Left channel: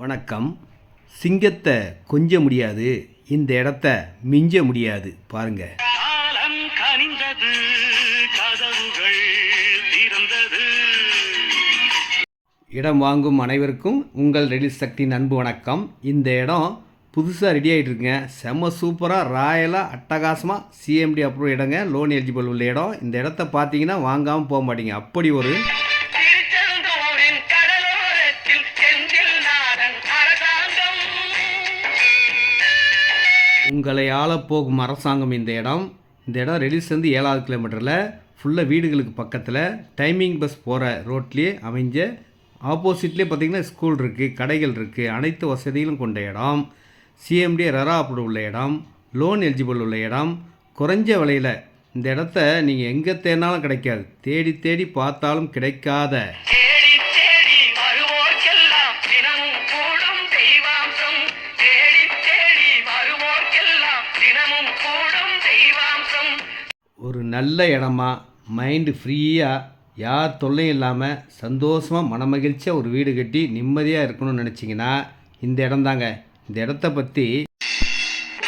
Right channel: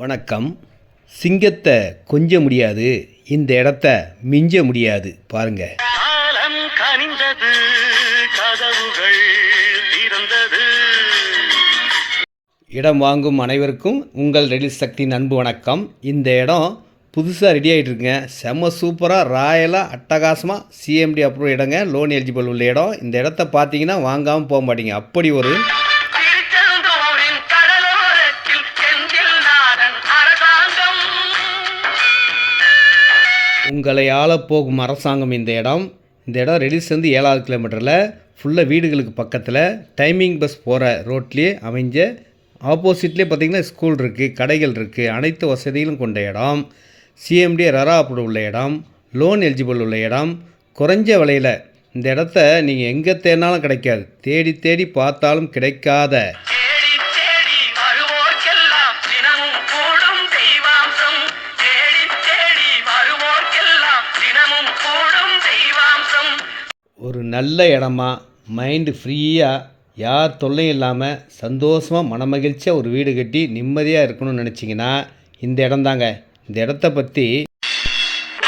வணக்கம். சிங்கத்தை கொஞ்ச முடியாது, இந்த இடத்த மிஞ்ச முடியாது. பாருங்க. காலம் கனிந்தது, கதவுகள் திறந்தது. இடம் வாங்கும் அனைவருக்கும் உங்கள் ரெடில் சக்தியின் அன்பு வணக்கம். இந்த இடம் புதுசாக ரெடி ஆகிட்டு இருக்குங்க. செம்ம சூப்பராக ராயலாக அட்டகாசமாக சிஎம்டி அப்ரூவ் இடங்க. லோன் எலிஜிபிள் உள்ள இடம். இந்த இடத்த பார்த்தீங்கன்னா வாங்காமல் போக மாட்டீங்க. அப்படி ஒரு திருச்செந்தூரின் கடலோரத்தில் செந்தில் நாடன் அரசாங்கம். உங்களை ஆளப்போகும் அரசாங்கம் இந்த இடம். இந்த இடம் ரெடில்ஸ்லேருந்து 7வது கிலோமீட்டரில் ஃபுல்லாக வீடுகளுக்கு பக்கத்தில் டைமிங் பஸ் போகிற ரோட்லேயே அமைஞ்ச ஆப்போசிட்லேயே பார்த்திங்கன்னா ஸ்கூல் இருக்குது, கடைகள் இருக்குது, அனைத்து வசதிகளும் கொண்ட இடம். சிஎம்டி ரரா அப்ரூவ் உள்ள இடம், லோன் எலிஜிபிள் உள்ள இடம், குறைஞ்ச விலையில். இந்த இடத்த நீங்கள் எங்கே தேடினாலும் கிடைக்காது, தேடி தேடி பார்த்தாலும் கிடைக்காத தேடி தேடி வருவோர்க்கெல்லாம் தினமும் கூடும் தெய்வாம்சம். தேடி தேடி வருவோர்க்கெல்லாம் தினமும் கூடும் தெய்வாம்சம். ஒரு நல்ல இடமா, மைண்டு ஃப்ரீயாக, யார் தொல்லையும் இல்லாமல் சந்தோஷமாக மனமகிழ்ச்சியாக ஒரு வீடு கட்டி நிம்மதியாக இருக்கணும்னு நினச்சிங்கன்னா இந்த இடம் தாங்க. இந்த இடத்த பற்றி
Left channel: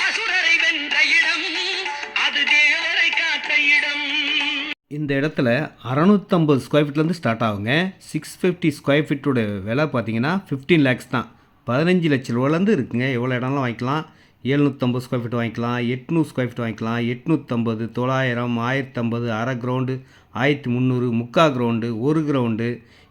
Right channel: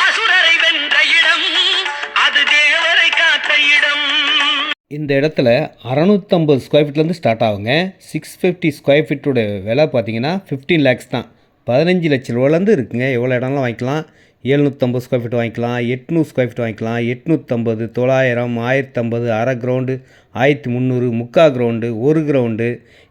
அசுரரை வென்ற இடம், அது தேவரை காத்த இடம். இந்த இடத்துல 650 ஸ்கொயர் ஃபீட்லேருந்து ஸ்டார்ட் ஆகுங்க. 650 ஸ்கொயர் ஃபீட்டோட விலை பார்த்தீங்கன்னா 15 லேக்ஸ் தான். 15 லட்ச ரூபாலேருந்து இருக்குங்க. எவ்வளோ இடம்லாம் வாங்கிக்கலாம். 750 ஸ்கொயர் ஃபீட் வாங்கிக்கலாம், 800 ஸ்கொயர் ஃபீட் வாங்கிக்கலாம், 850, 900, 1050, அரை கிரவுண்டு, 1300, முக்கால் கிரவுண்டு, ஒரு கிரவுண்டு.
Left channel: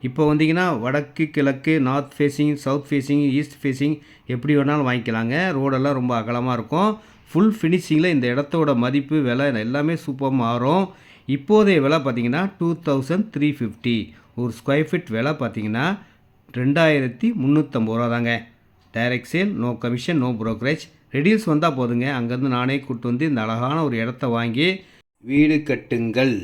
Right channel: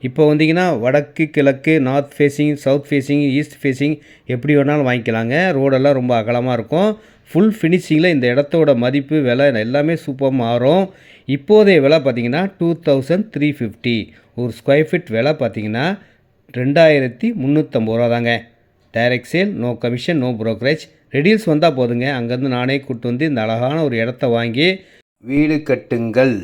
இப்போ வந்தீங்கன்னா வடக்கு, கிழக்கு, north facing, south facing, east facing எப்படி வேணாலும் வாங்கிக்கலாங்க. ரோடெல்லாம் ரொம்ப அகலமாக இருக்கும். ஃபுல் ஃபினிஷிங்கில் இந்த இடத்தோட மதிப்பு, விலை எல்லாமே சூப்பராக மாறும். இப்போதைய விலை பார்த்திங்கன்னா 2350. ஒரு ஸ்கொயர் ஃபீட் விலை பார்த்திங்கன்னா 2350 ரூபா தாங்க. Direct sale, no commission, no brokerage. ரெடில்ஸ் வந்தால் போதுங்க. அங்கேருந்து நானே கூப்பிட்டு வந்து இந்த அழகான ஒரு இடத்த வாங்கி வீடு கட்டுங்கள்.